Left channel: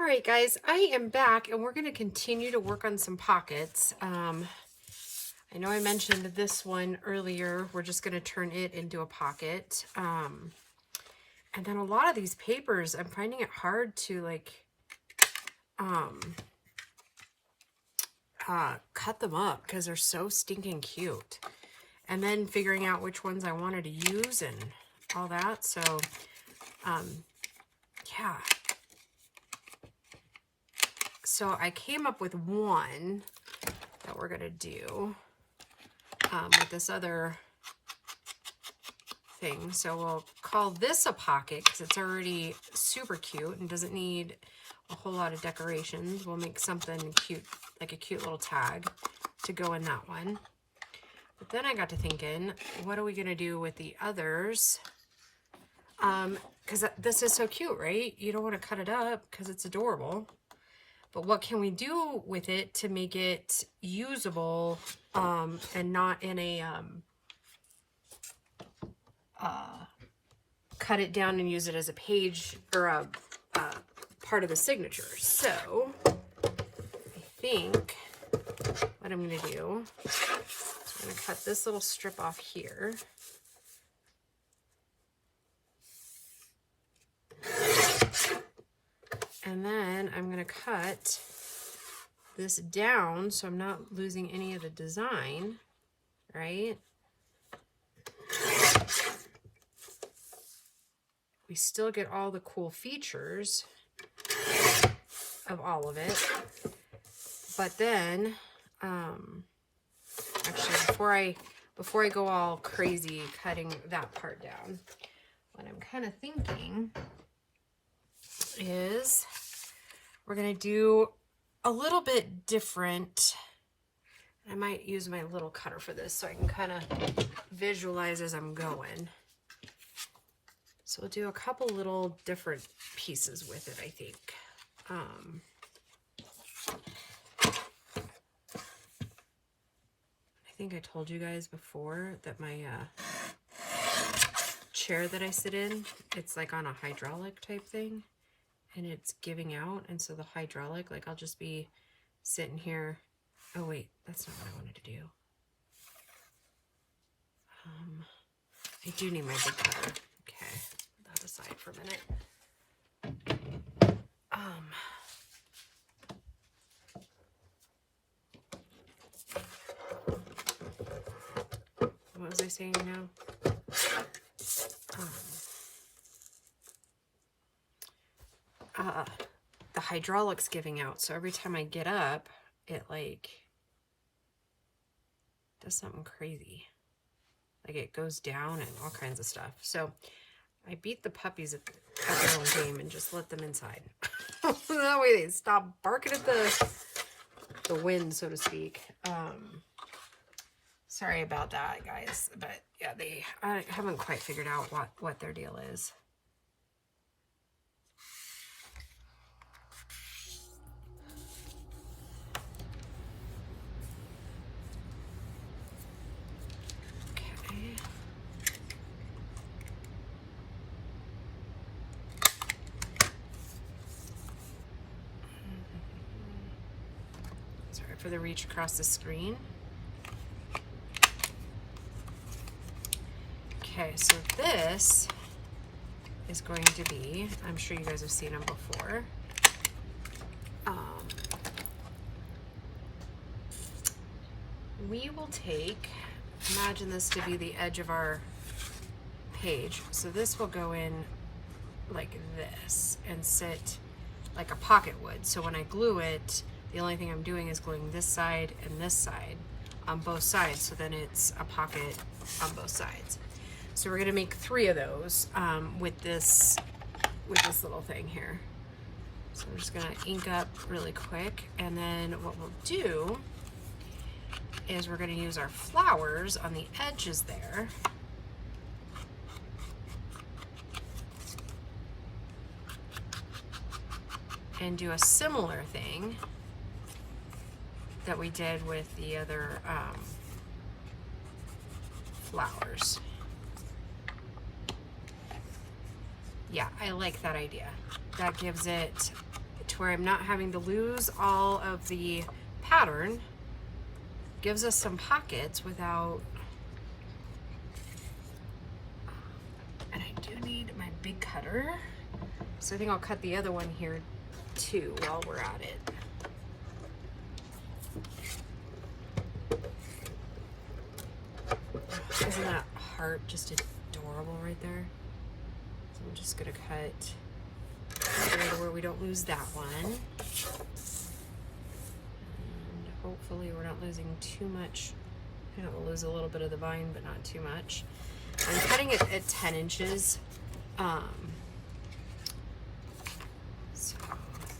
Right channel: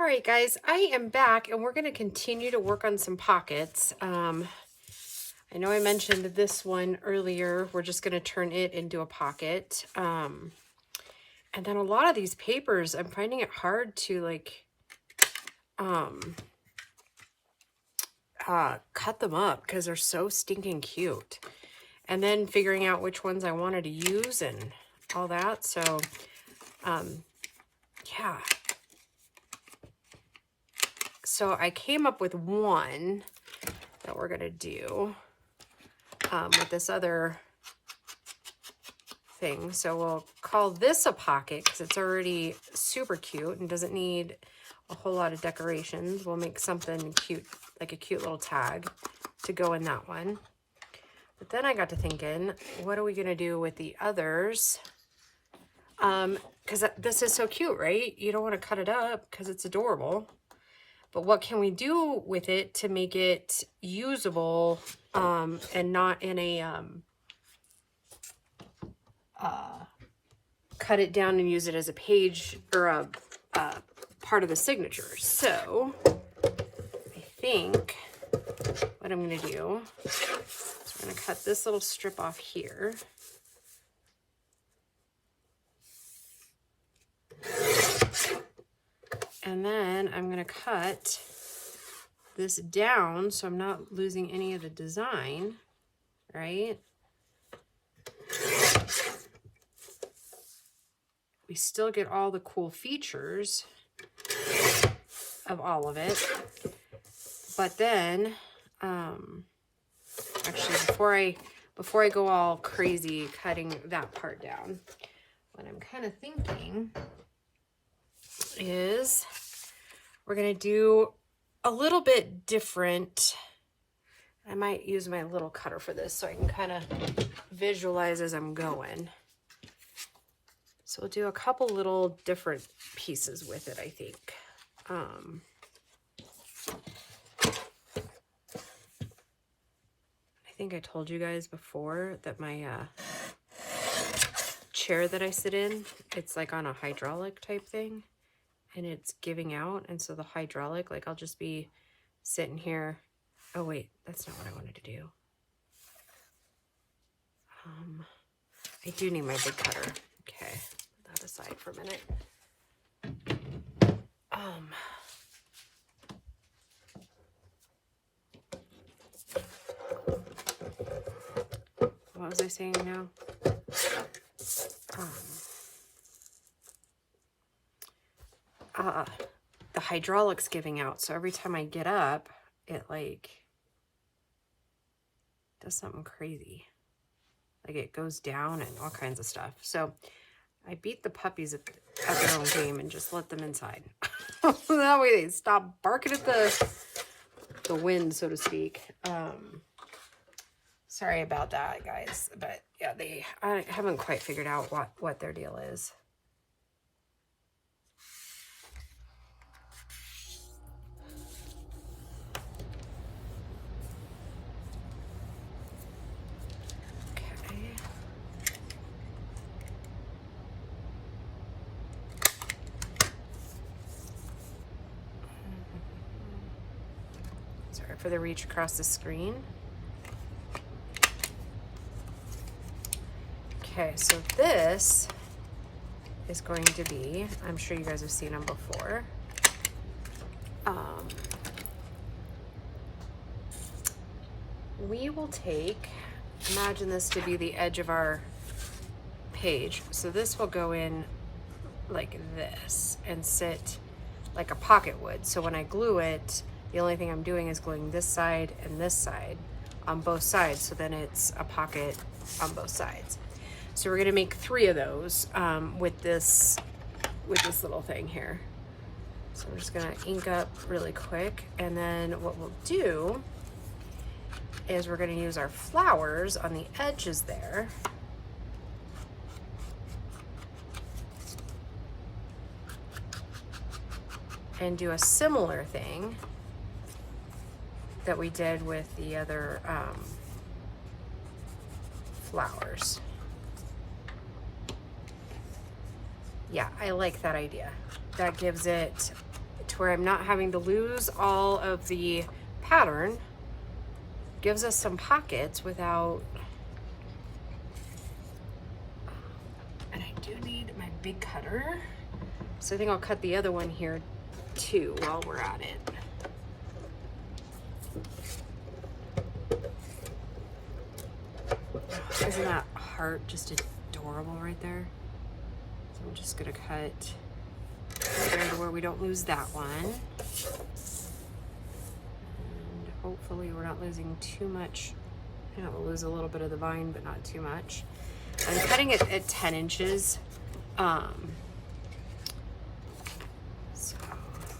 All right, guys, I am back and we're going to continue to work on some pockets. I know I mentioned this one earlier. We're just going to turn it into a pocket. And then a lot of these papers, I'm finding it hard to cut them up because they're so stinking cute. And then figuring out which ones I wanted to use and all that. So, yeah. So I came up with one that we're going to do with this other thing. So we'll call this a pocket because it's already super cute and doesn't need a whole lot of decorations. We'll make something cute, like a cute little tag to go in that one. But then I got to thinking, what are we going to do with the others? Because this is so cute, right? You don't want to cut it up because it's adorable. But what can we do with it to make it usable and not in a cut it down and use it as a page or a part of the signature? So I think what I'm going to do is I'm going to cut this little strip off here. And then I'm going to cut this down so I'm not losing any of the design, right? We still get all the cool features of all of it. But then, actually, before I go all crazy cutting that part down, what I'm kind of thinking is we're going to do a little bit different. I might use my little cutter for this so I can kind of visualize as I'm going. So we'll do a couple little different pieces with it, I think. I think I told you guys before that my chair that I sit in, it's like on a hydraulic type thing. And it's giving out, and so the hydraulic, like I'll just be sitting here. Oh wait, that's not what I wanted to do. I do need my big cutter. Okay, put that aside for a minute. What was I saying now? The hydraulic's giving out, so every time I get up, it like does something crazy. Like it goes down and all kinds of stuff. So I beat the puppies at their own game and just let them inside. That way they stop barking at the wind, so to speak. Sorry about that, guys, but yeah, I haven't quite figured out what their deal is. For the reach across the screen. Okay, so this is going to be, I'm sure you guys have seen them before. We will take, imagine this to be the edge of our page. So this will go in like this and sit like a pocket would. So when I glue it, the only thing I'm doing is gluing this side and this side on both sides. So then it's a pocket on both sides. So we're gonna make 3 of those with this little thing here. So we're just gonna ink up really quick. And then what we'll do is we're gonna use our flowers on the edges there. And do a similar thing that we did with the other flowers. Yeah, I like that idea. That gives it where I'm not having to lose all of the pattern. Gives us some pockets without, and I do need my big cutter. So I think I'll cut the other one here too while we're at it. Isn't that heart just adorable right there? So I'm just gonna cut right where we don't lose that one. And hopefully we're not losing too much. You know, we'll lose a little bit of the vine, but not too much. I'm cutting it at 10 inches. So I'm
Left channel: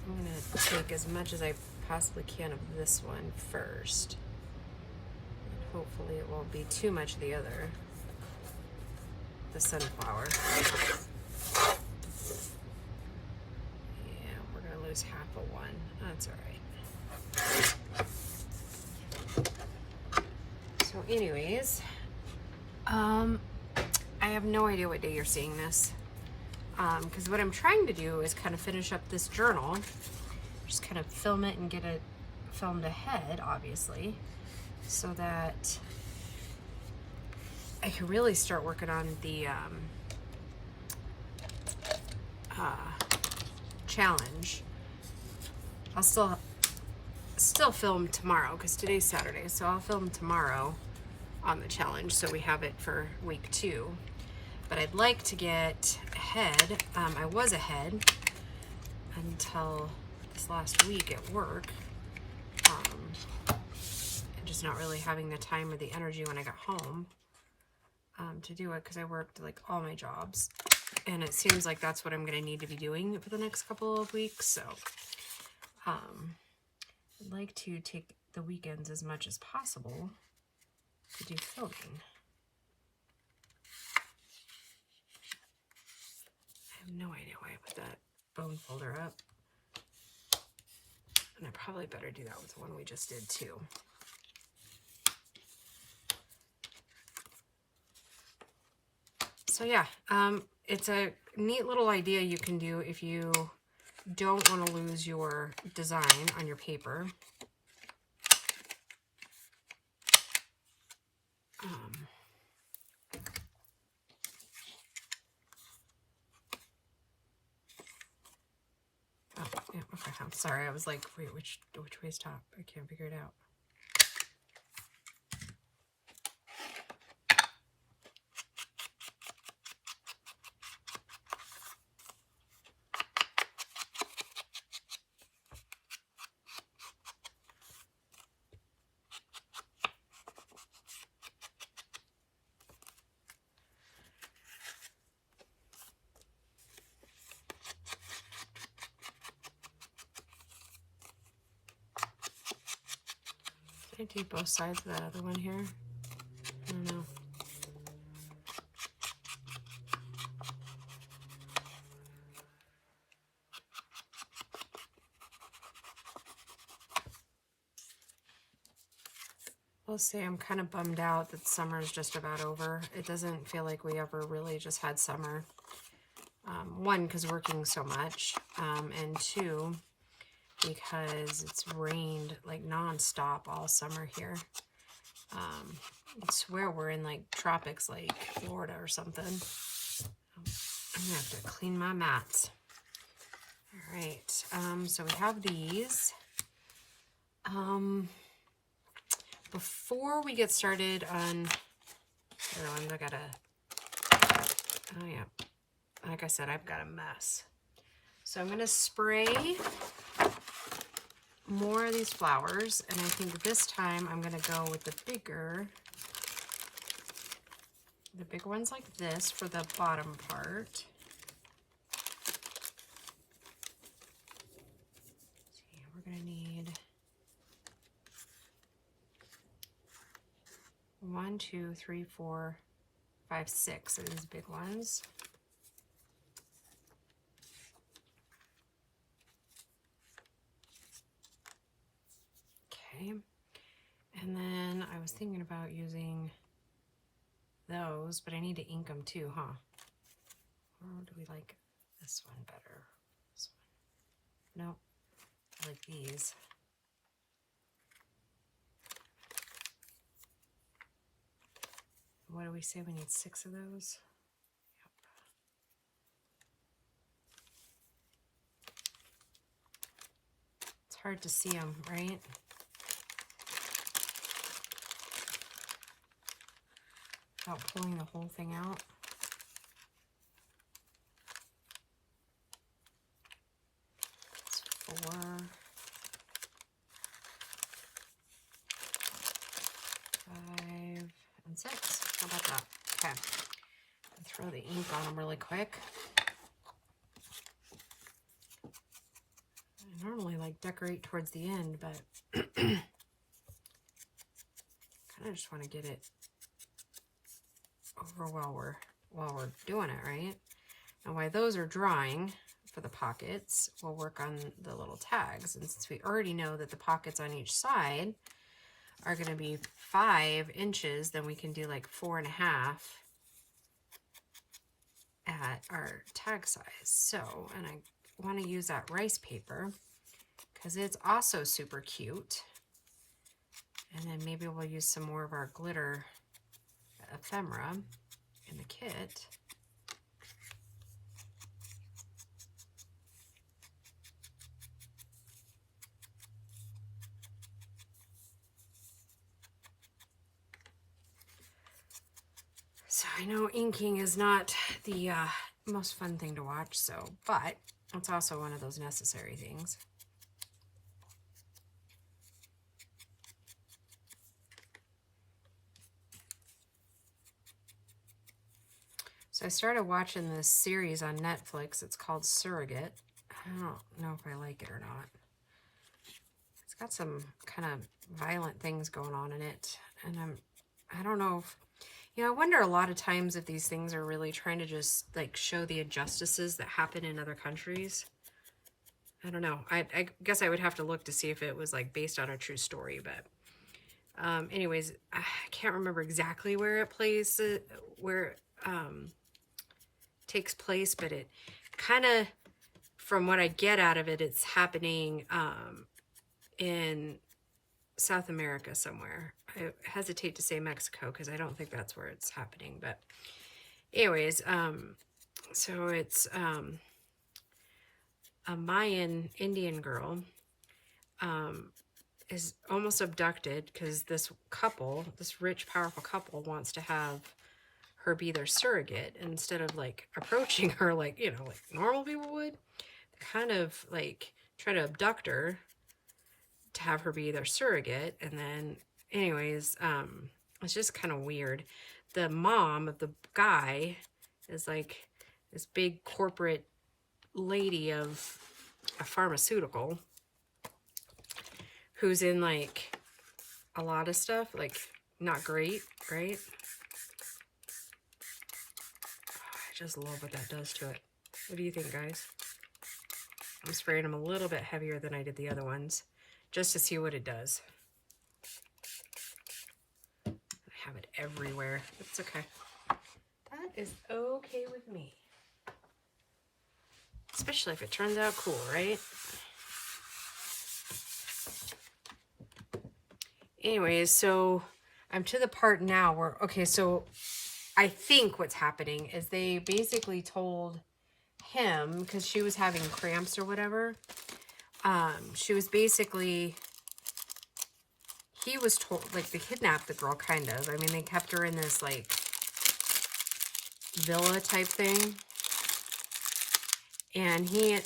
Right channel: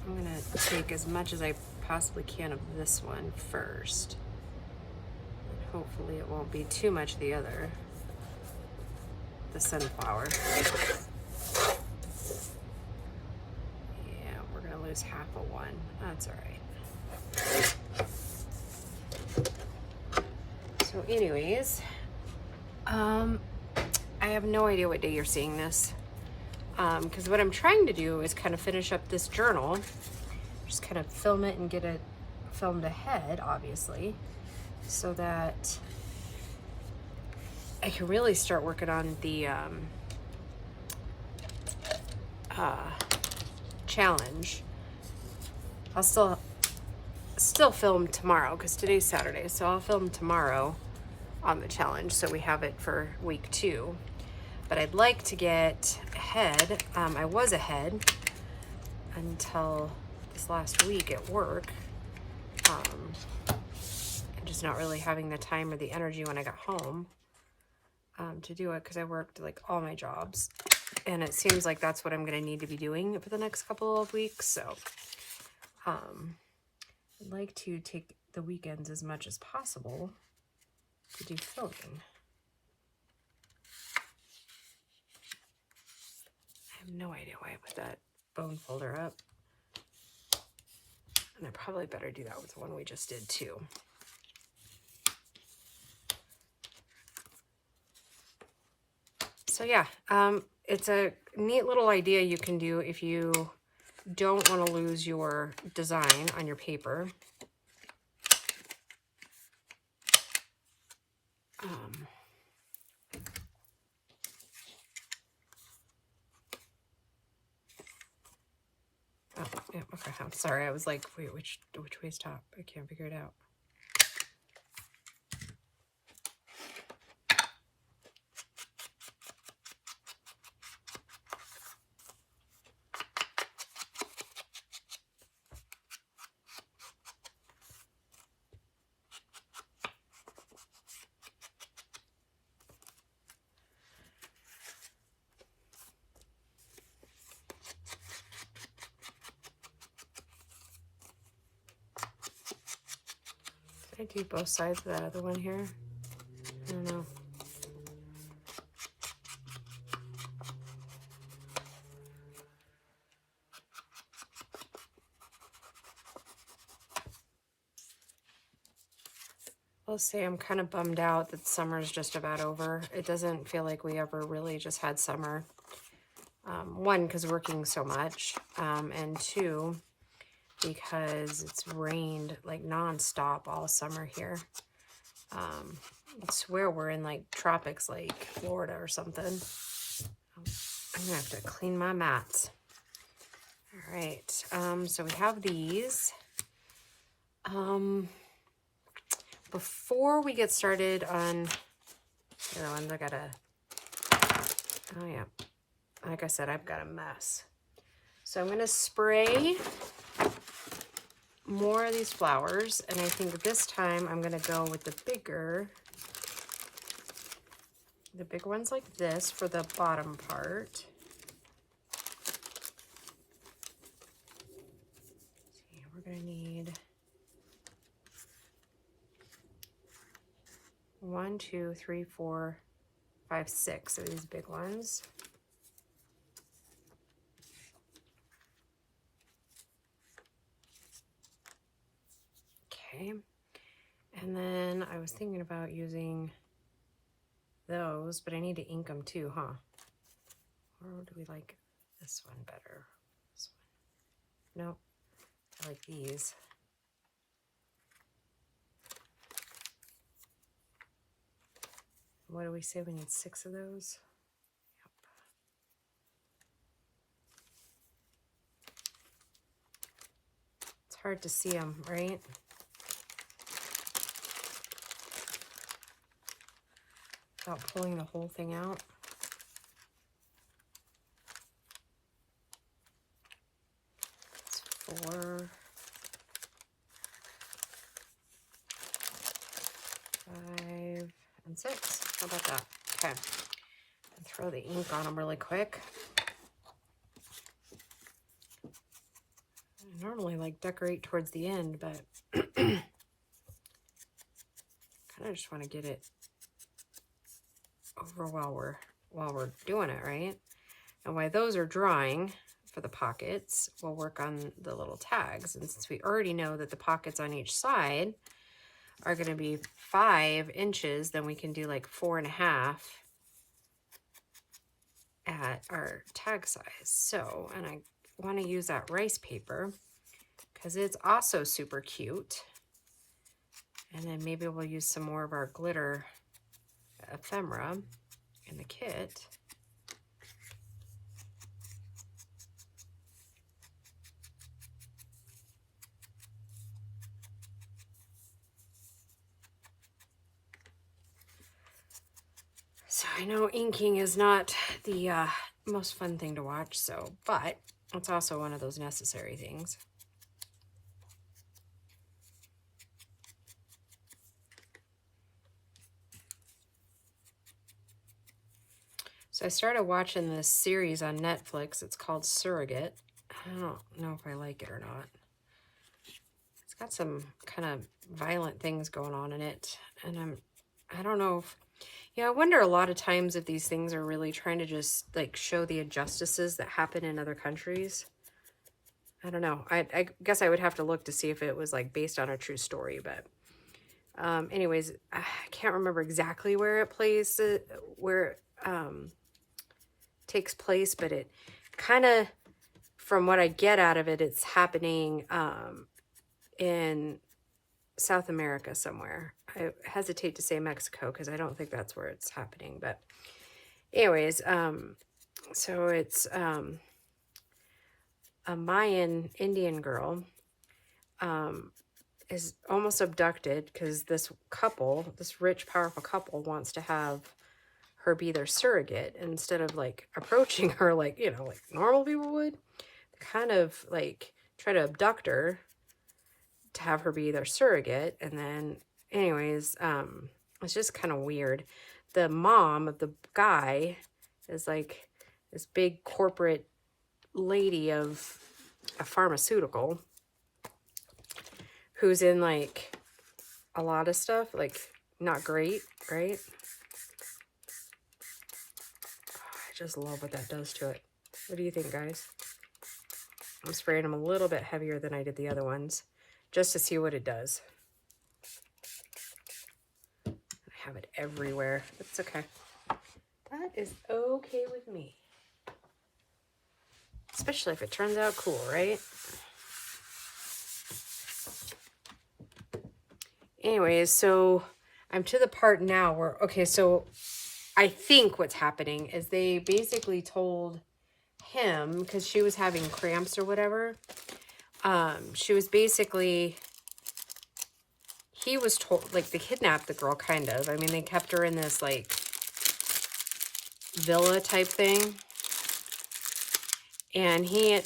gonna take as much as I possibly can of this one first. Hopefully it won't be too much of the other, the sunflower. Yeah, we're gonna lose half of one. That's all right. So anyways, I have no idea what day you're seeing this. Because what I'm trying to do is kind of finish up this journal, just kind of film it and get it filmed ahead, obviously, so that I can really start working on the challenge. I'll still film tomorrow because today's Saturday, so I'll film tomorrow on the challenge so we have it for week 2. But I'd like to get ahead. I was ahead until this last week at work. I'm just not really having the time or the energy when I got home to do it because I worked like all my jobs. And it seems like that's what I'm going to need to be doing for the next couple of weeks. So I'd like to take the weekends as much as possible to do filming. I have no idea why I put that bone folder up. And I probably better do that with the one we just did too. So yeah, it's a neat little idea you can do if you don't want to lose your design on your paper. Oh, yeah, okay, I'm sorry. I was like, wait, which way's top? I can't figure it out. Did I do both sides of that other one here? I don't know. I'll say I'm kind of bummed out that summer's just about over. It doesn't feel like we ever really just had summer. One, because working so much, and two, because it's rained like non-stop all summer here. I swear we're in like tropics like Florida or something. I'm gonna have to clean my mats. All right, so we have these. Before we get started on the other ones, I gotta, oh yeah, like I said, I've got a mess. So I'm gonna spray more of these flowers, and I think this time I'm gonna go with the big ones like this for the bottom part. Yeah, we're gonna need 1, 2, 3, 4, 5, 6 of these big ones. Okay, and then I was thinking about using those, but I need to ink them too, huh? Or do we like this one better? This one? Nope. I like these. What do we say? We need 6 of those? Yep. It's hard to see them, right? Without pulling the whole thing out. It's 4, 5, and 6. How about that? Okay. And throw the ink on them really quick. I normally like decorate towards the end, but kind of just want to get it over while we're doing it, right? And while those are drying for the pockets, we'll work on the little tags. And since we already know that the pockets on each side are going to be 5 inches, then we can do like 4.5 at our tag size. So, and I want to use that rice paper because it's also super cute. And then maybe we'll use some more of our glitter ephemera in the kit. So I know inking is not the most fun thing to watch, but it's also one of those necessary things. So I started watching this series on Netflix. It's called Surrogate. I don't know if I like it or not. It's got some kind of violent things going on in it. And I don't know if, you know, I wonder a lot of times if these things are really trying to just like show the injustices that happen in other countries. I don't know. I guess I would have to look to see if it was like based on a true story, but anyways, I can't remember exactly where it plays, takes place, but it kind of, from what I get out of it, it's happening in South America somewhere. I hesitate to say Mexico because I don't think that's where it's happening, but anyways, so it's a Mayan Indian girl is almost abducted because this couple, this rich, powerful couple, wants to have her be their surrogate. And instead of like approaching her like, you know, like normal people would, they kind of like try to abduct her to have her be their surrogate. And then anyways, it's just kind of weird. The mom of the guy is like this big corporate lady of a pharmaceutical who's in like a lot of stuff, like not great, right? I just love what that does to it. What do you think, guys? I'm spraying them a little bit heavier than I did the other ones, just to see what it does. I have it everywhere. It's okay. That is okay with me. Especially if it turns out cool, right? Anyways, so I'm to the part now where, okay, so I think what's happening is they basically told him, because she was having cramps or whatever, she was basically, he was told, like, they kidnapped the girl, kind of. I mean, they kept her in this, like, villa type thing. And he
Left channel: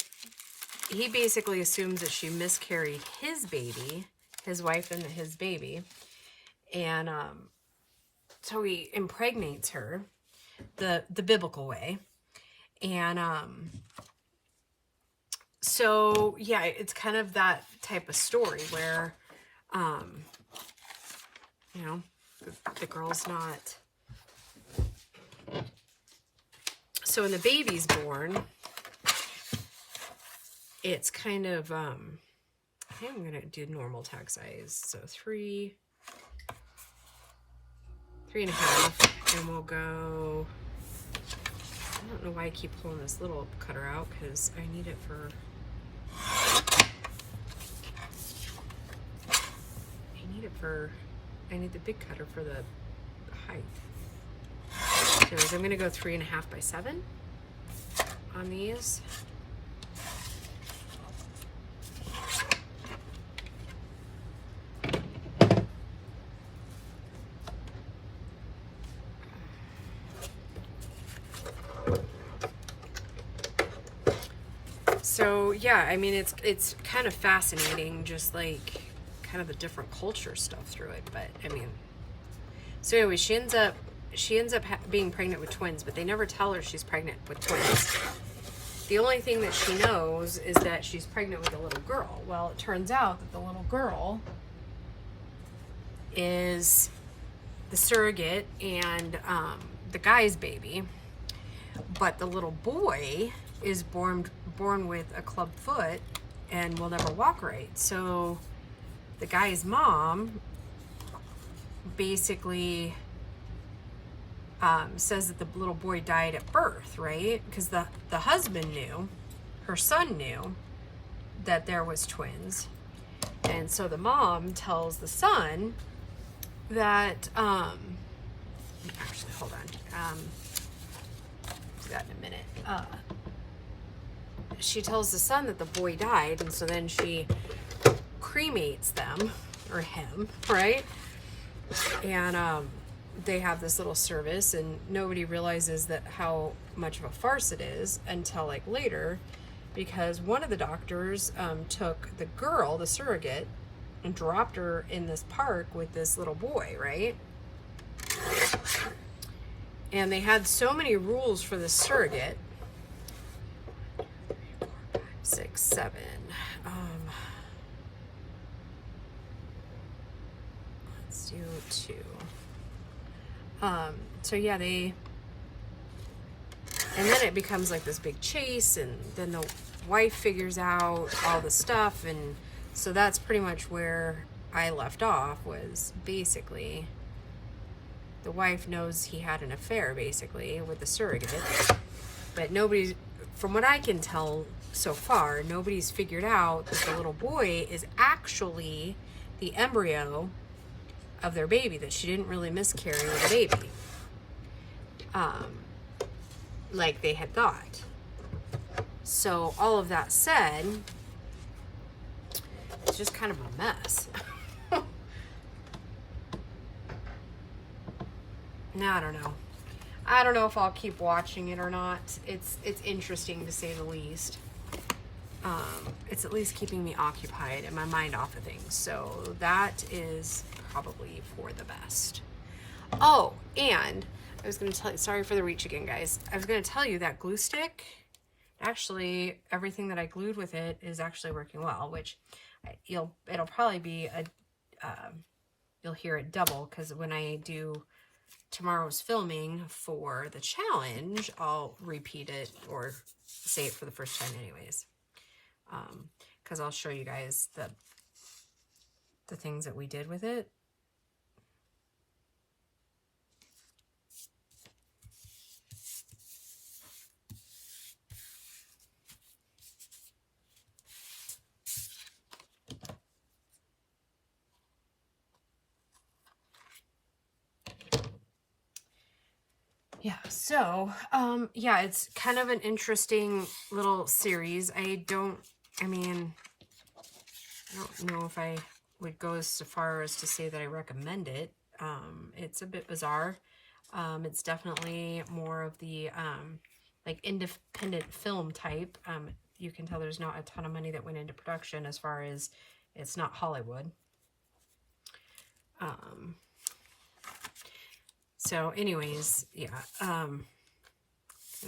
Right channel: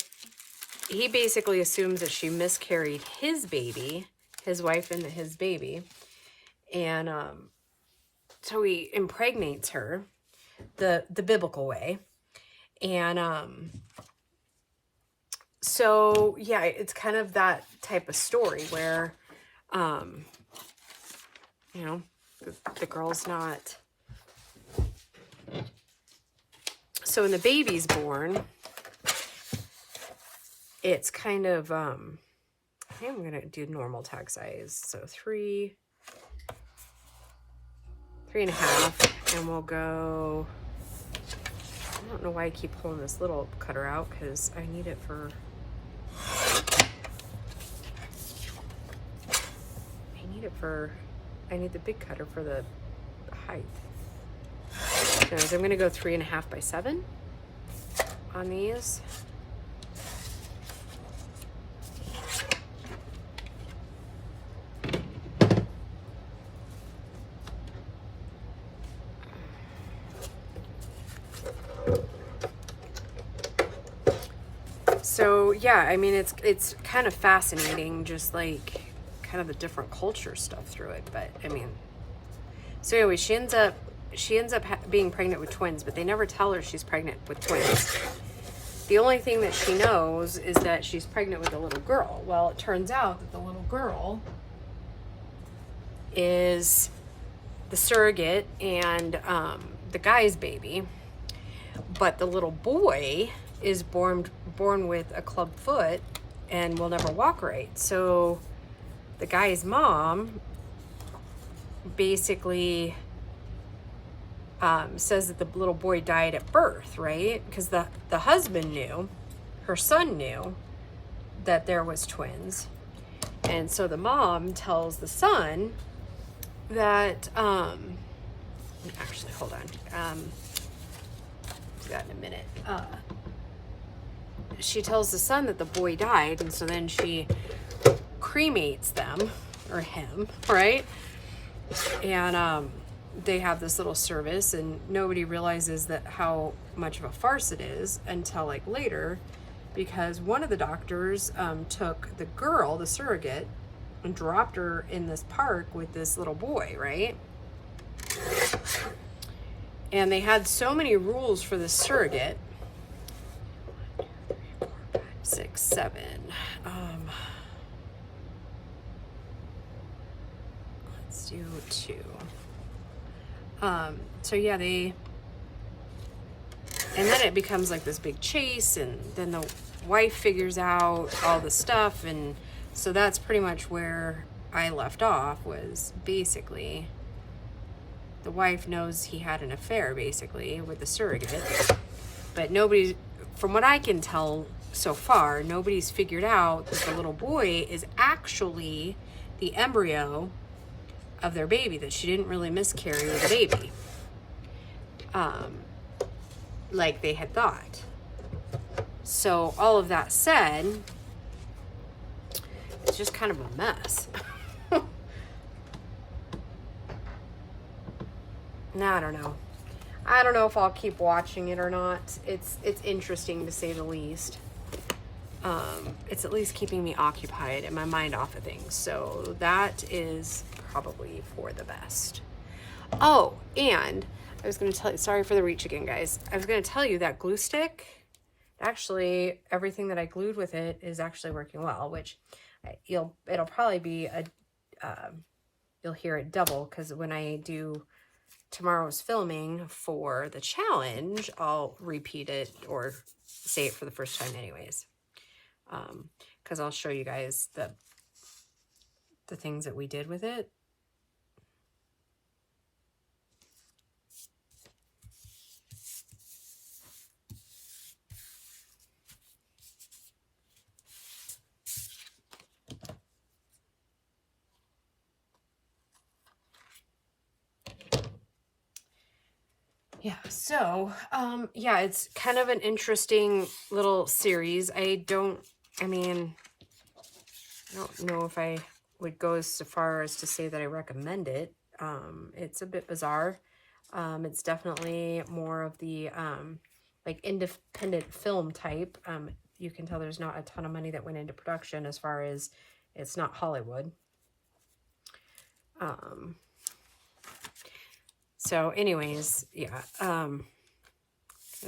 basically assumes that she miscarried his baby, his wife and his baby. And so he impregnates her the biblical way. And so, yeah, it's kind of that type of story where, you know, the girl's not. So when the baby's born, it's kind of, I think I'm going to do normal tag size. So 3.5, and we'll go, I don't know why I keep pulling this little cutter out because I need it for I need the big cutter for the height. So I'm going to go 3.5 by 7 on these. So yeah, I mean, it's kind of fascinating, just like kind of the different culture stuff through it. But I mean, so anyway, she ends up being pregnant with twins, but they never tell her she's pregnant with twins. The only thing that she knows is that she's pregnant with a little girl. Well, it turns out that the little girl is the surrogate and the guy's baby, but the little boy is born with a club foot and will never walk right. So the guy's mom basically says that the little boy died at birth, right? Because the husband knew, her son knew that there was twins. And so the mom tells the son that, actually, hold on. Do that in a minute. She tells the son that the boy died, and so then she cremates them, or him, right? And they have this little service, and nobody realizes that how much of a farce it is until like later, because one of the doctors took the girl, the surrogate, and dropped her in this park with this little boy, right? And they had so many rules for the surrogate. 6, 7. Let's do 2. So yeah, and then it becomes like this big chase, and then the wife figures out all the stuff, and so that's pretty much where I left off, was basically the wife knows he had an affair basically with the surrogate, but nobody, from what I can tell so far, nobody's figured out that the little boy is actually the embryo of their baby, that she didn't really miscarry with the baby, like they had thought. So all of that said, it's just kind of a mess. Now, I don't know if I'll keep watching it or not. It's interesting to say the least. It's at least keeping me occupied and my mind off of things. So that is probably for the best. Oh, and I was going to tell you, sorry for the reach again, guys. I was going to tell you that glue stick, actually, everything that I glued with it is actually working well, which it'll probably be you'll hear it double, because when I do tomorrow's filming for the challenge, I'll repeat it or say it for the first time anyways. Because I'll show you guys the things that we did with it. Yeah, so, yeah, it's kind of an interesting little series. I don't know if I would go as far as to say that I recommend it. It's a bit bizarre. It's definitely more of the, like, independent film type. You can tell there's not a ton of money that went into production, as far as it's not Hollywood. So anyways, yeah, I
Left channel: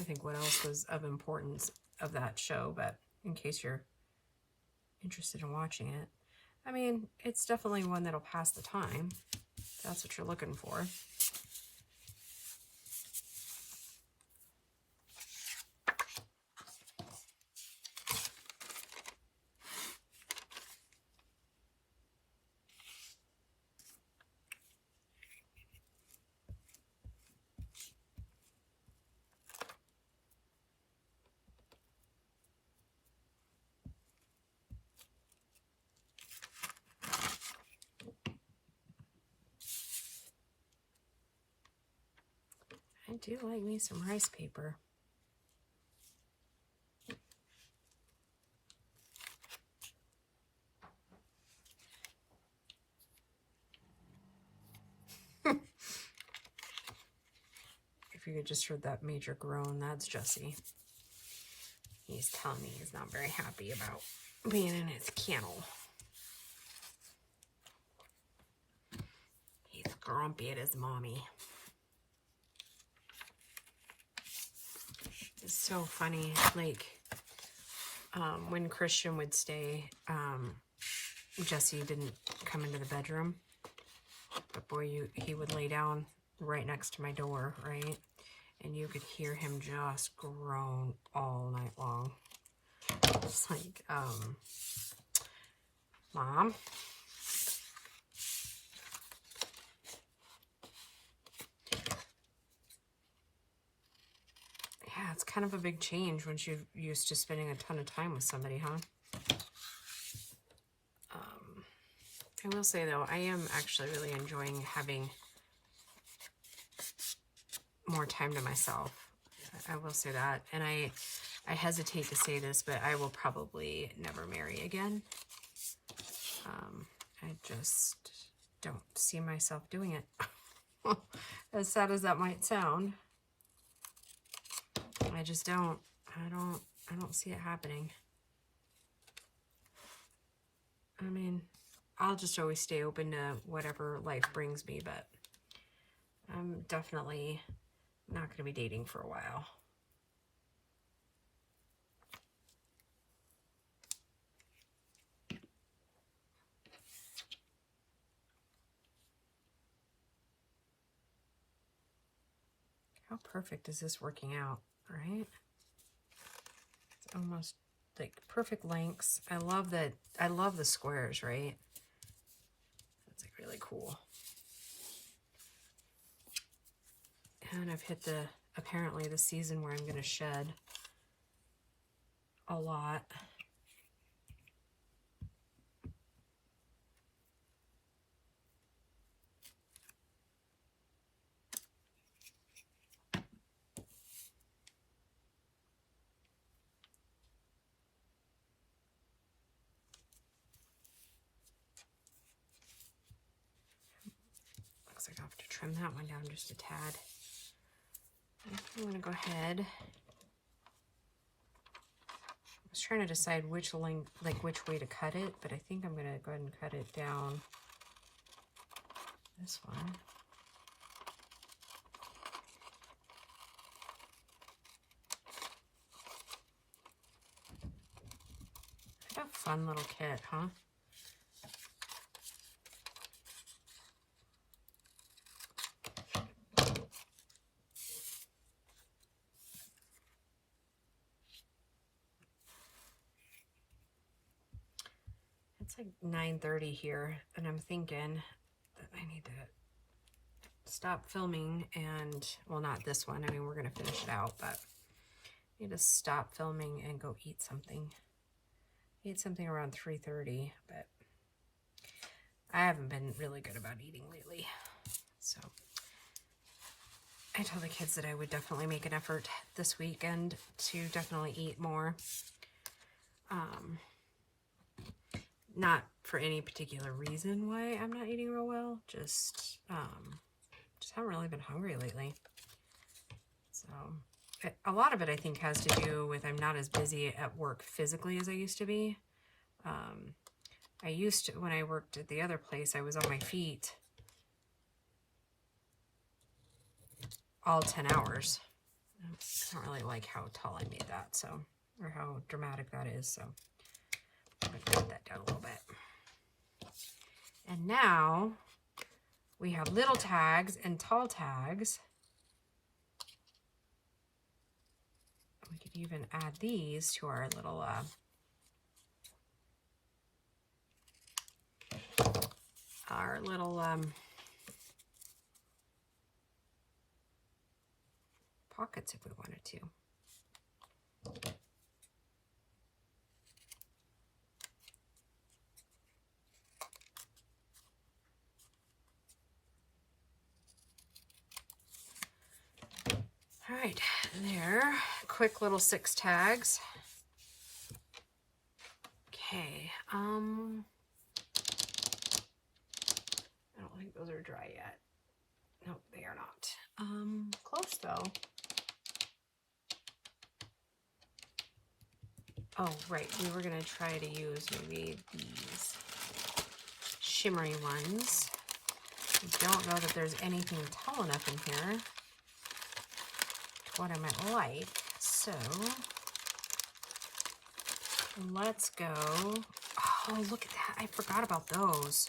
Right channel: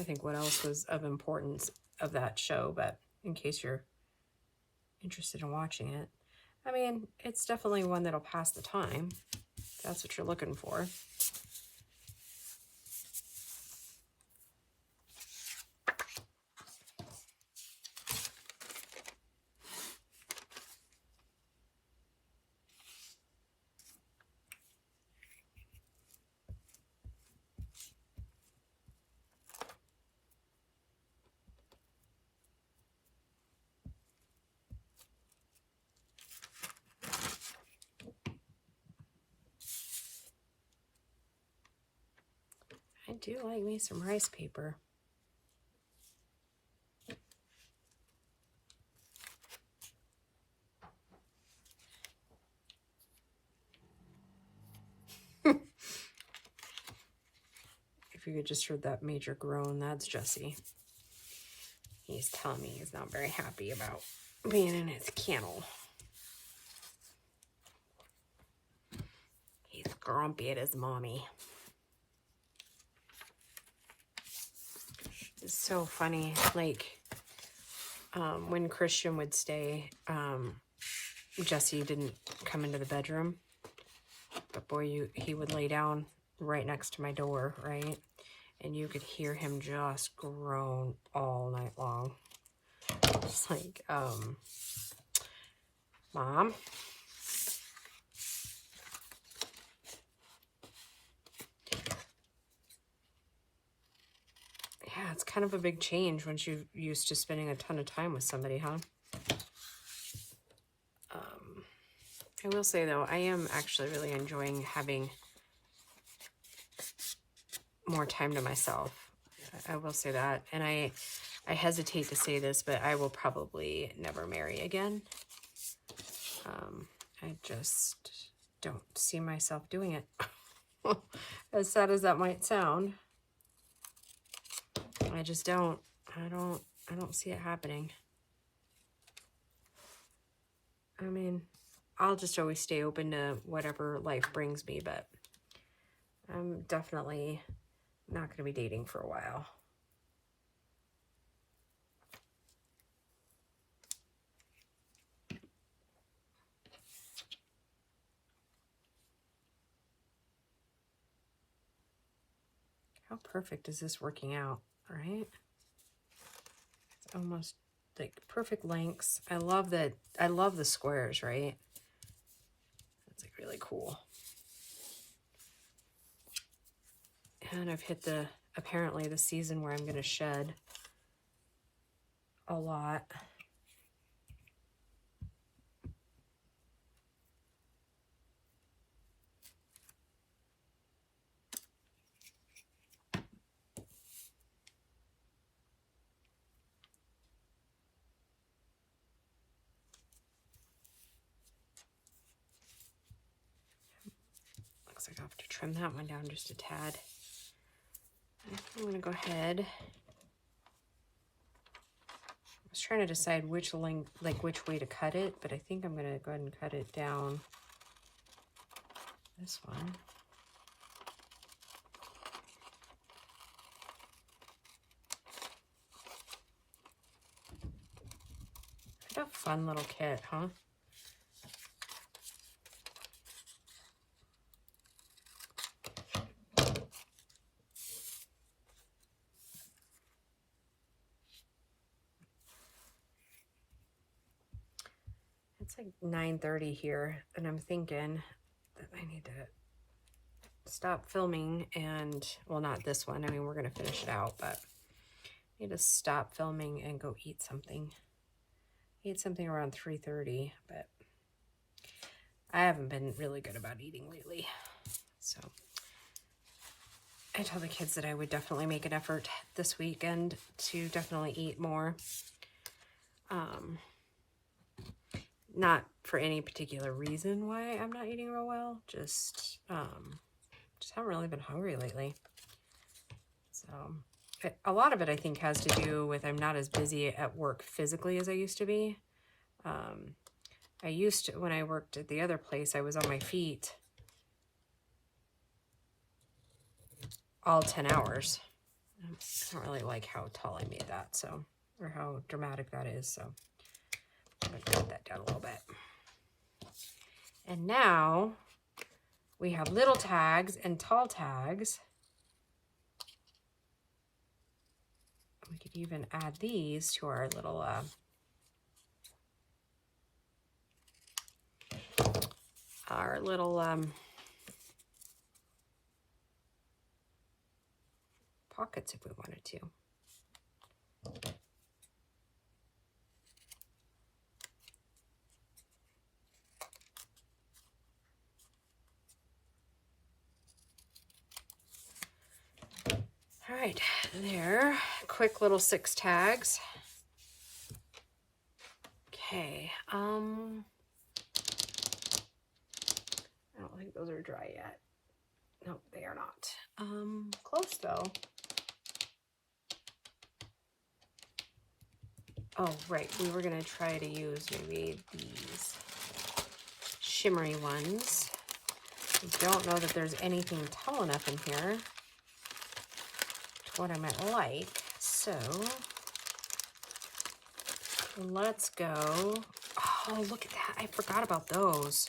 think what else was of importance of that show, but in case you're interested in watching it, I mean, it's definitely one that'll pass the time, if that's what you're looking for. do like me some rice paper. If you could just heard that major groan, that's Jesse. He's telling me he's not very happy about being in his kennel. He's grumpy at his mommy. It's so funny, like, when Christian would stay, Jesse didn't come into the bedroom, but boy, he would lay down right next to my door, right? And you could hear him just groan all night long. It's like, Mom? Yeah, it's kind of a big change once you're used to spending a ton of time with somebody, huh? I will say, though, I am actually really enjoying having more time to myself. I will say that. And I hesitate to say this, but I will probably never marry again. I just don't see myself doing it. As sad as that might sound. I just don't. I don't see it happening. I mean, I'll just always stay open to whatever life brings me, but I'm definitely not going to be dating for a while. How perfect is this working out, right? It's almost like perfect lengths. I love that. I love the squares, right? It's like really cool. And I've hit apparently the season where I'm going to shed a lot. Looks like I have to trim that one down just a tad. I'm going to go ahead. I was trying to decide which length, like which way to cut it, but I think I'm going to go ahead and cut it down this one. What a fun little kit, huh? It's like 9:30 here, and I'm thinking that I need to stop filming and, well, not this one. I mean, we're going to finish it out, but I need to stop filming and go eat something. Eat something around 3:30, but I haven't been really good about eating lately. So I told the kids that I would definitely make an effort this weekend to definitely eat more. Not for any particular reason why I'm not eating real well, just haven't really been hungry lately. So a lot of it, I think, has to do with I'm not as busy at work physically as I used to be. I used to, when I worked at the other place, I was on my feet all 10 hours. I don't really like how tall I made that, so, or how dramatic that is, so I'm going to cut that down a little bit. And now we have little tags and tall tags. We could even add these to our little pockets if we wanted to. right, there. Quick little 6 tags. Okay, I don't think those are dry yet. Nope, they are not. Close though. Oh, right, we were gonna try to use maybe these shimmery ones. I don't know that there's anything tall enough in here to what I might like, so let's go. Oh, look at that, I forgot about those.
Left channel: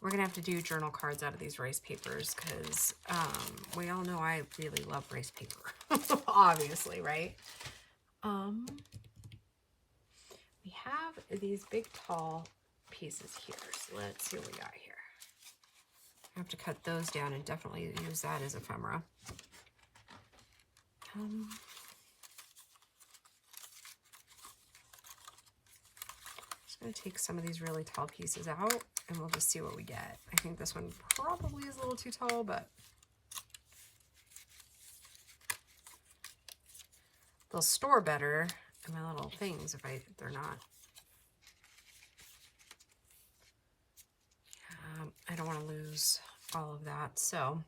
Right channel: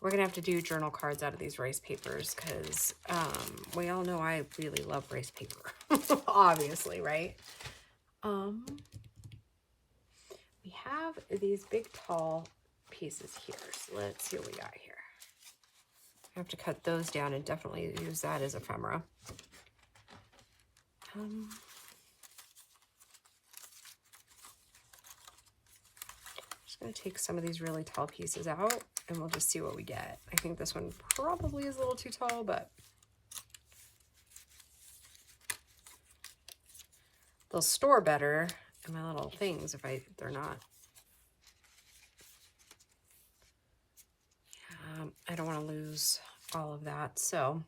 We're gonna have to do journal cards out of these rice papers because we all know I really love rice paper, obviously, right? We have these big tall pieces here, so let's see what we got here. I have to cut those down and definitely use that as ephemera. Just gonna take some of these really tall pieces out and we'll just see what we get. I think this one probably is a little too tall, but they'll store better in my little things if they're not. I don't want to lose all of that, so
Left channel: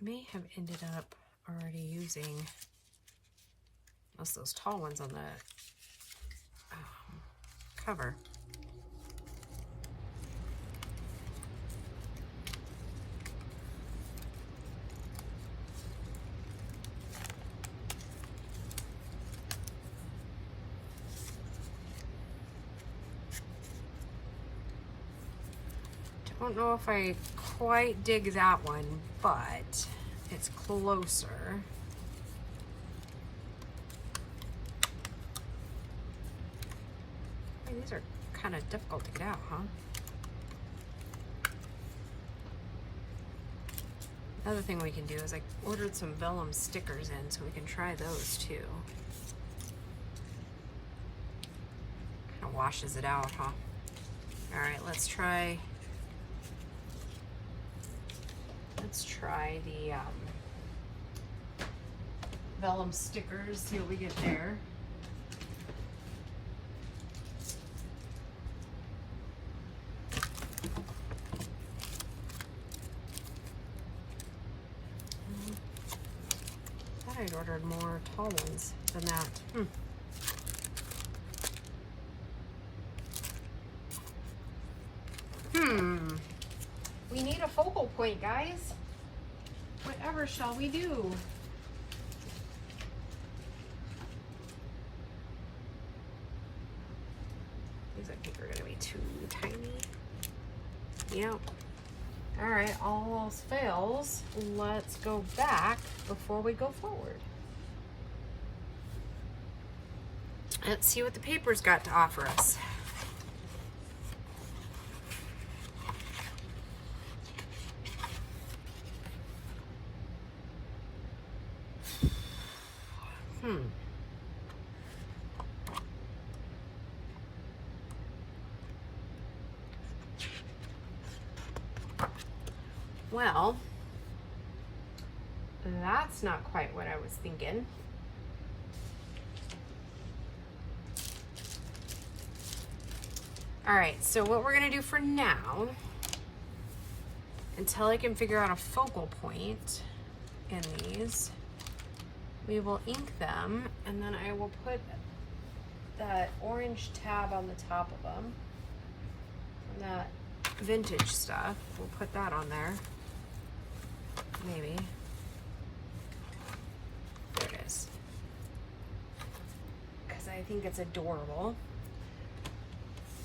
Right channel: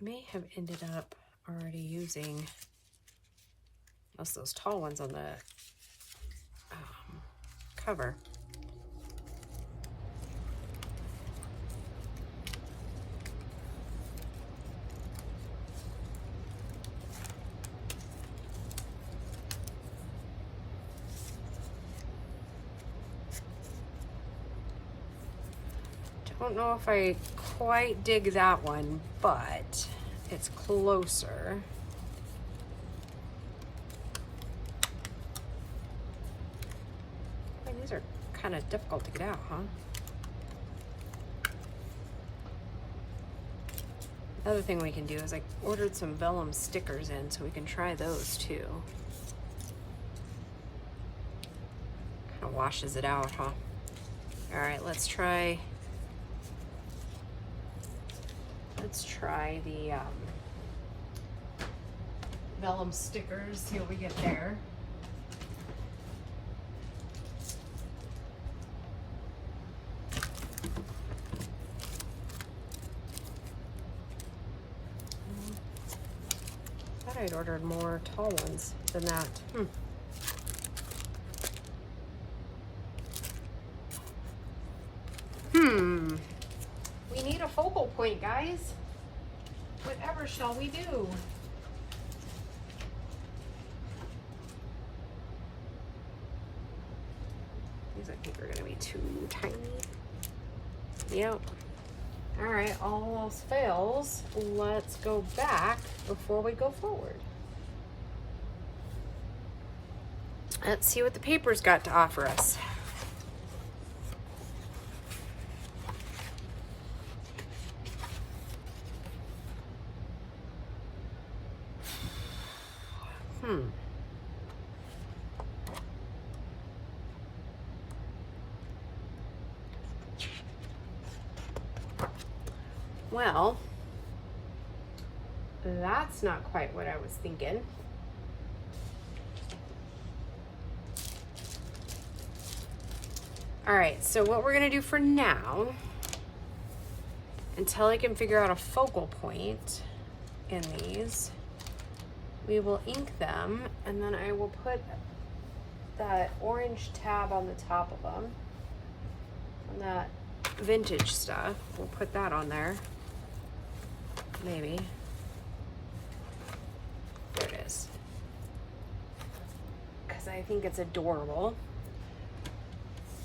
may have ended up already using most of those tall ones on the cover. Don't know if I quite dig that one, but it's closer. Boy, these are kind of difficult to get out, huh? Another thing we can do is I ordered some vellum stickers in, so we can try those too. Kind of washes it out, huh? All right, let's try the vellum stickers, see what we get there. I thought I'd ordered more tall ones than that. We need a focal point, guys. Whatever shall we do? These I think are gonna be too tiny. Yep. All right, all else fails. Let's go back before we go forward. Let's see what the paper's got to offer us. Well, that's not quite what I was thinking. All right, so what we're gonna do for now, until I can figure out a focal point in these, we will ink them, and then I will put that orange tab on the top of them, and that vintage stuff, we'll put that on there. Maybe. There it is. Because I think it's adorable.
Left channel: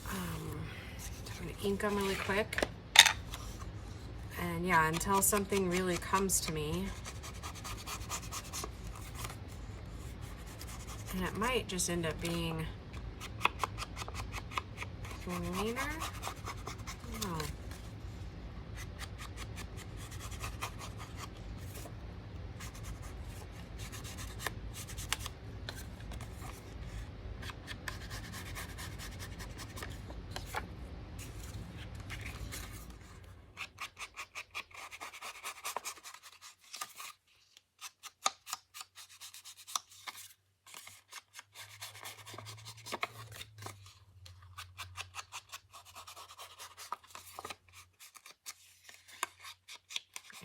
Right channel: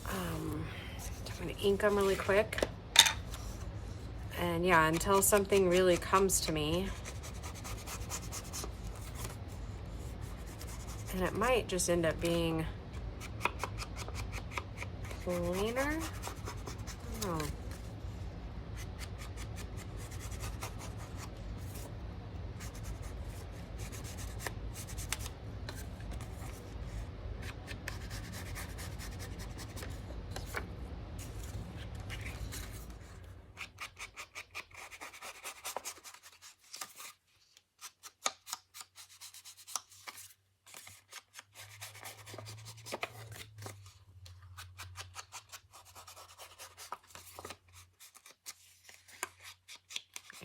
I'm going to ink them really quick. And yeah, until something really comes to me. And it might just end up being cleaner. Oh.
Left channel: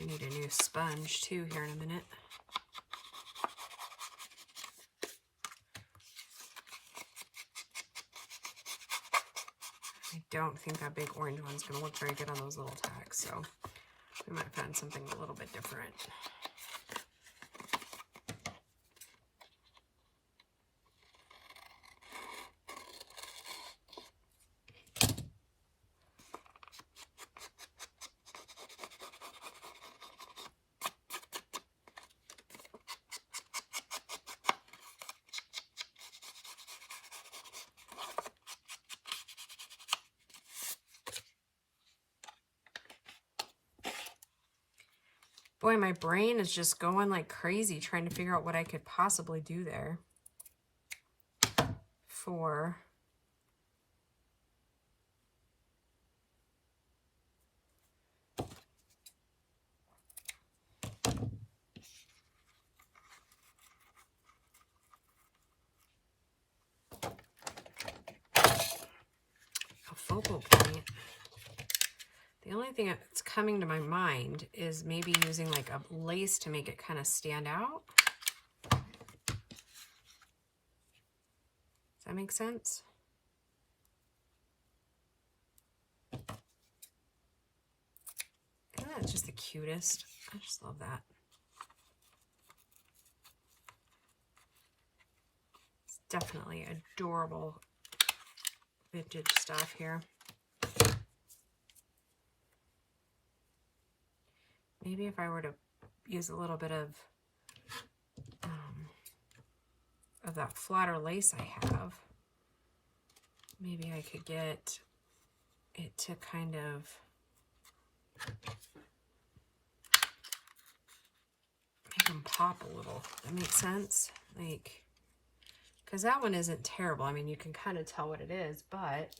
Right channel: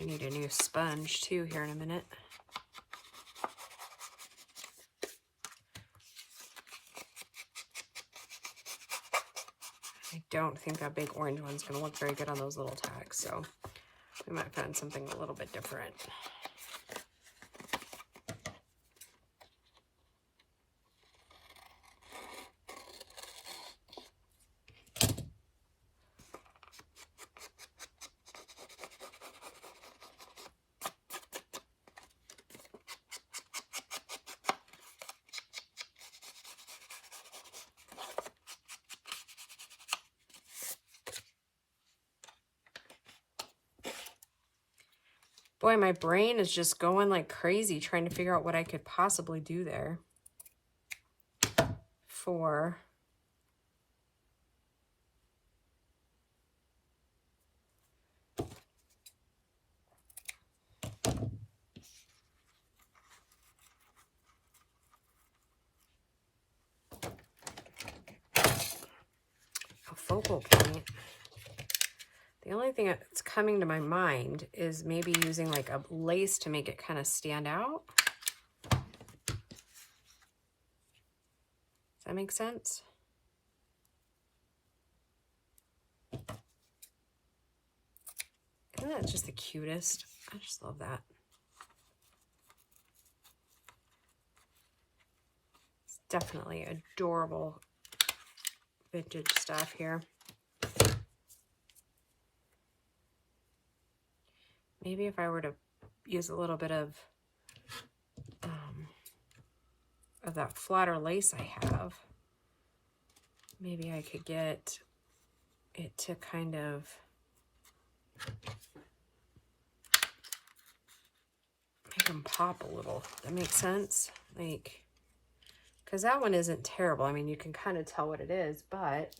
I need a new sponge too here in a minute. I don't think that big orange one's going to look very good on those little tags, so we might find something a little bit different. Boy, my brain is just going like crazy trying to figure out what I could possibly do there for a focal point. The only thing that's coming to my mind is maybe using like a lace to make it kind of stand out. Does that make sense? Isn't that just the cutest? I just love that. It's definitely adorable vintage stuff here. Maybe if I were to use a little bit of that flatter lace I have, maybe I could get it to kind of make them pop a little. That makes sense? Like, because that one isn't terrible. I mean, you can kind of tell what it is, but I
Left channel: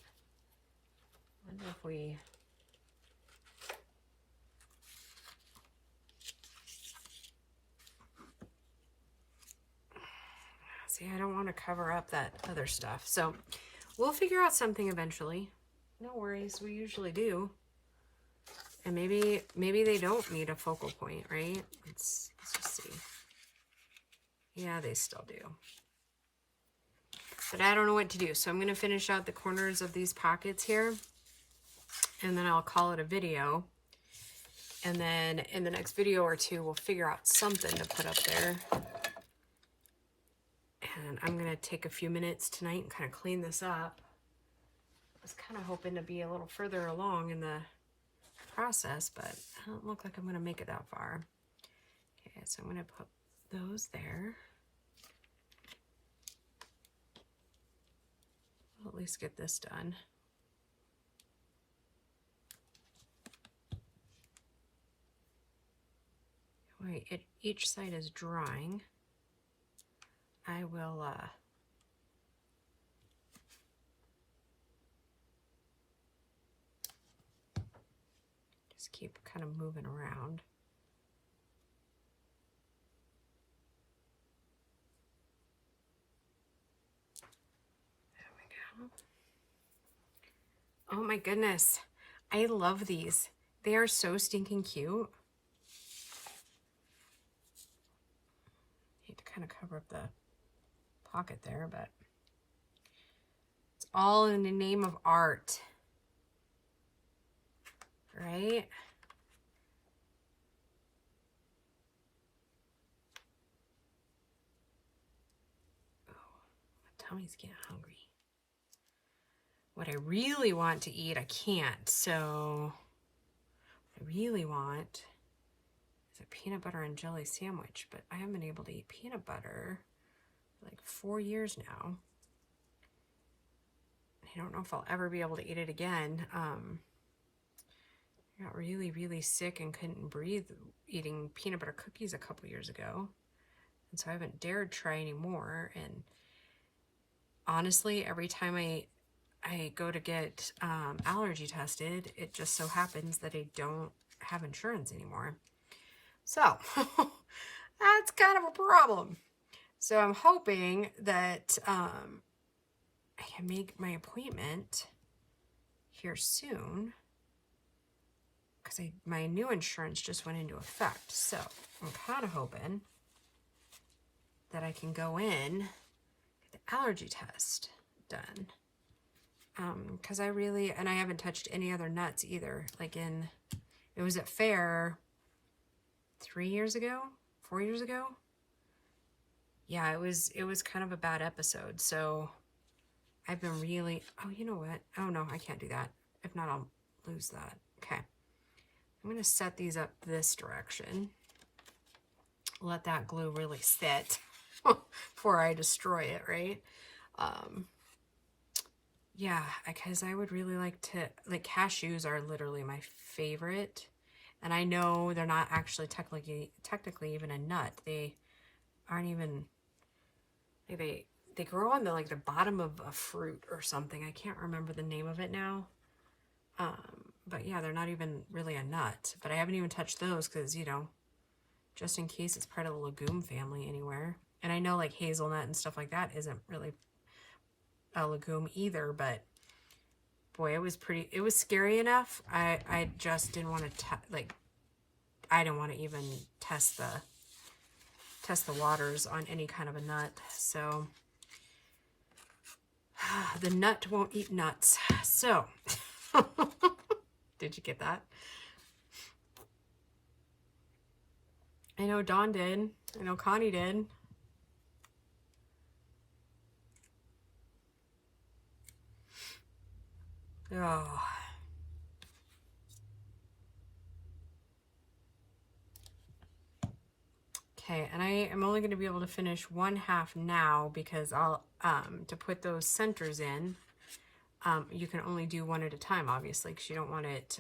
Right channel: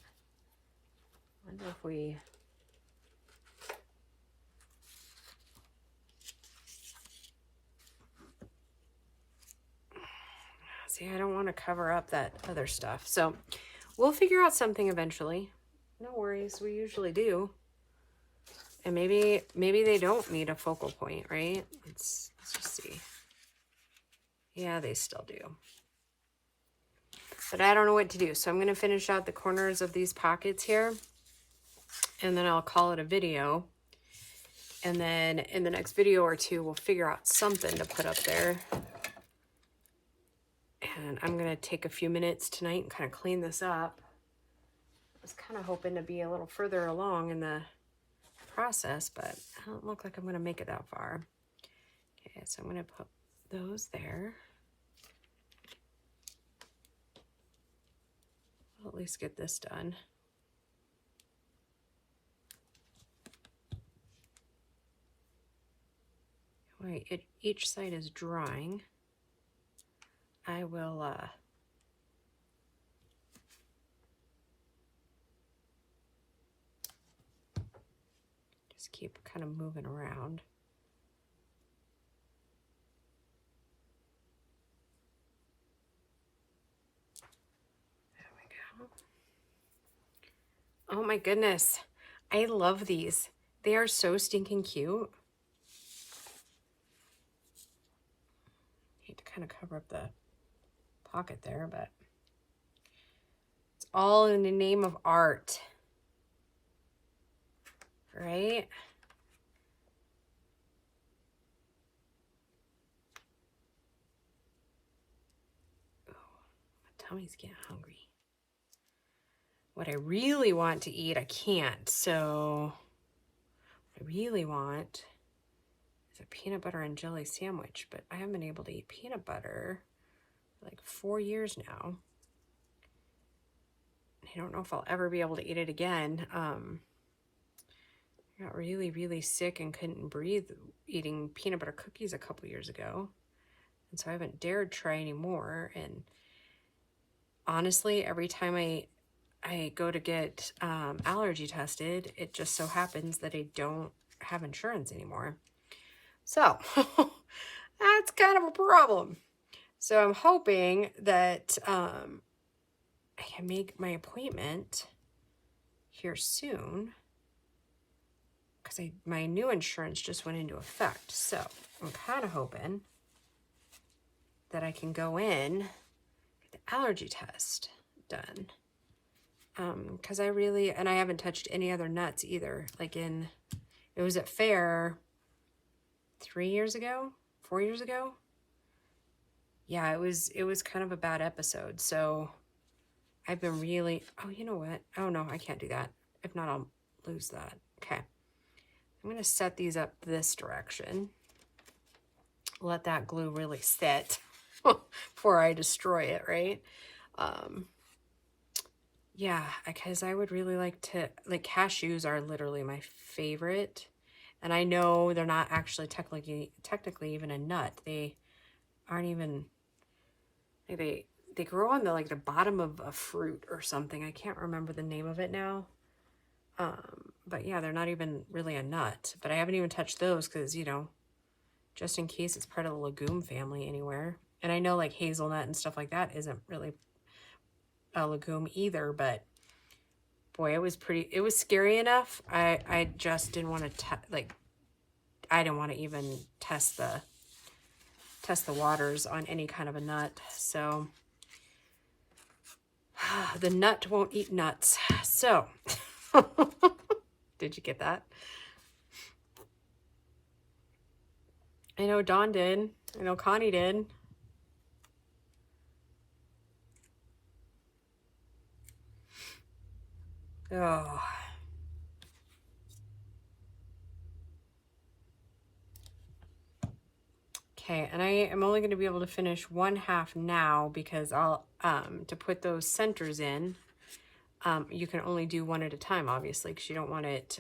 wonder if we... See, I don't want to cover up that other stuff. So we'll figure out something eventually. No worries, we usually do. And maybe they don't need a focal point, right? Let's just see. Yeah, they still do. But I don't know what to do. So I'm going to finish out the corners of these pockets here. And then I'll call it a video. And then in the next video or two, we'll figure out something to put up there. And I'm going to take a few minutes tonight and kind of clean this up. I was kind of hoping to be a little further along in the process, but I don't look like I'm going to make it that far. Okay, so I'm going to put those there. I'll at least get this done. All right, each side is drying. I will just keep kind of moving around. There we go. Oh my goodness. I love these. They are so stinking cute. Need to kind of cover up the pocket there, but it's all in the name of art, right? Oh, my tummy's getting hungry. What I really want to eat, I can't. So what I really want is a peanut butter and jelly sandwich, but I haven't been able to eat peanut butter like 4 years now. I don't know if I'll ever be able to eat it again. I got really, really sick and couldn't breathe eating peanut butter cookies a couple years ago. And so I haven't dared try anymore. And honestly, every time I go to get allergy tested, it just so happens that I don't have insurance anymore. So that's kind of a problem. So I'm hoping that I can make my appointment here soon. because my new insurance just went into effect. So I'm kind of hoping that I can go in, get the allergy test done. Because I haven't touched any other nuts either. Like it was at fair 4 years ago. Yeah, it was kind of a bad episode. So I've been really, oh, you know what? Oh no, I can't do that. If not, I'll lose that. Okay. I'm going to set these up this direction. Let that glue really sit before I destroy it, right? Yeah, because I would really like to, like, cashews are literally my favorite. And I know they're not actually technically even a nut. They aren't even, they grow on the bottom of a fruit or something. I can't remember the name of it now. But yeah, they're not even really a nut. But I haven't even touched those because, you know, just in case it's part of the legume family anywhere. And I know like hazelnut and stuff like that isn't really a legume either, but boy, it was scary enough. I just didn't want to, I didn't want to even test the waters on any kind of a nut. So the nut won't eat nuts. So did you get that? I know Dawn did. I know Connie did. Oh. Okay, and I am only going to be able to finish one half now because I'll, to put those centers in, you can only do one at a time, obviously, because you don't want it,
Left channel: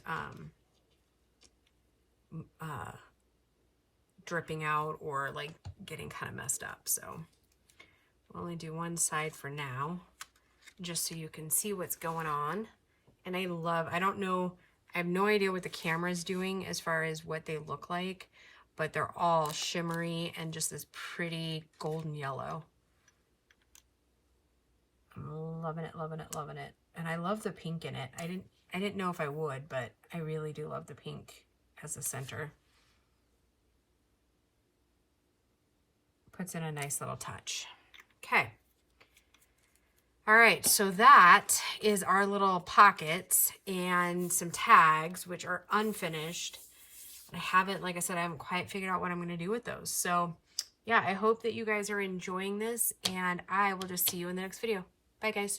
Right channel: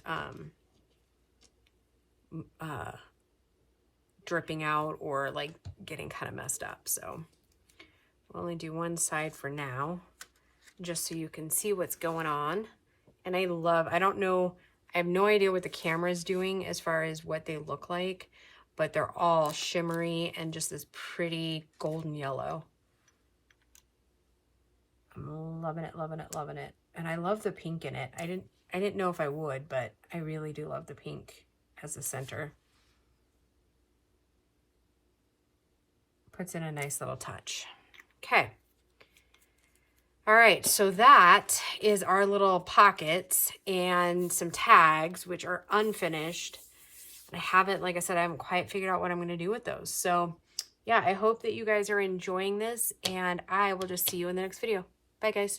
dripping out or like getting kind of messed up. So I'll only do one side for now, just so you can see what's going on. And I have no idea what the camera is doing as far as what they look like, but they're all shimmery and just this pretty golden yellow. I'm loving it, loving it, loving it. And I love the pink in it. I didn't know if I would, but I really do love the pink as the center. Puts in a nice little touch. Okay. All right, so that is our little pockets and some tags, which are unfinished. I haven't, like I said, I haven't quite figured out what I'm going to do with those. So yeah, I hope that you guys are enjoying this, and I will just see you in the next video. Bye, guys.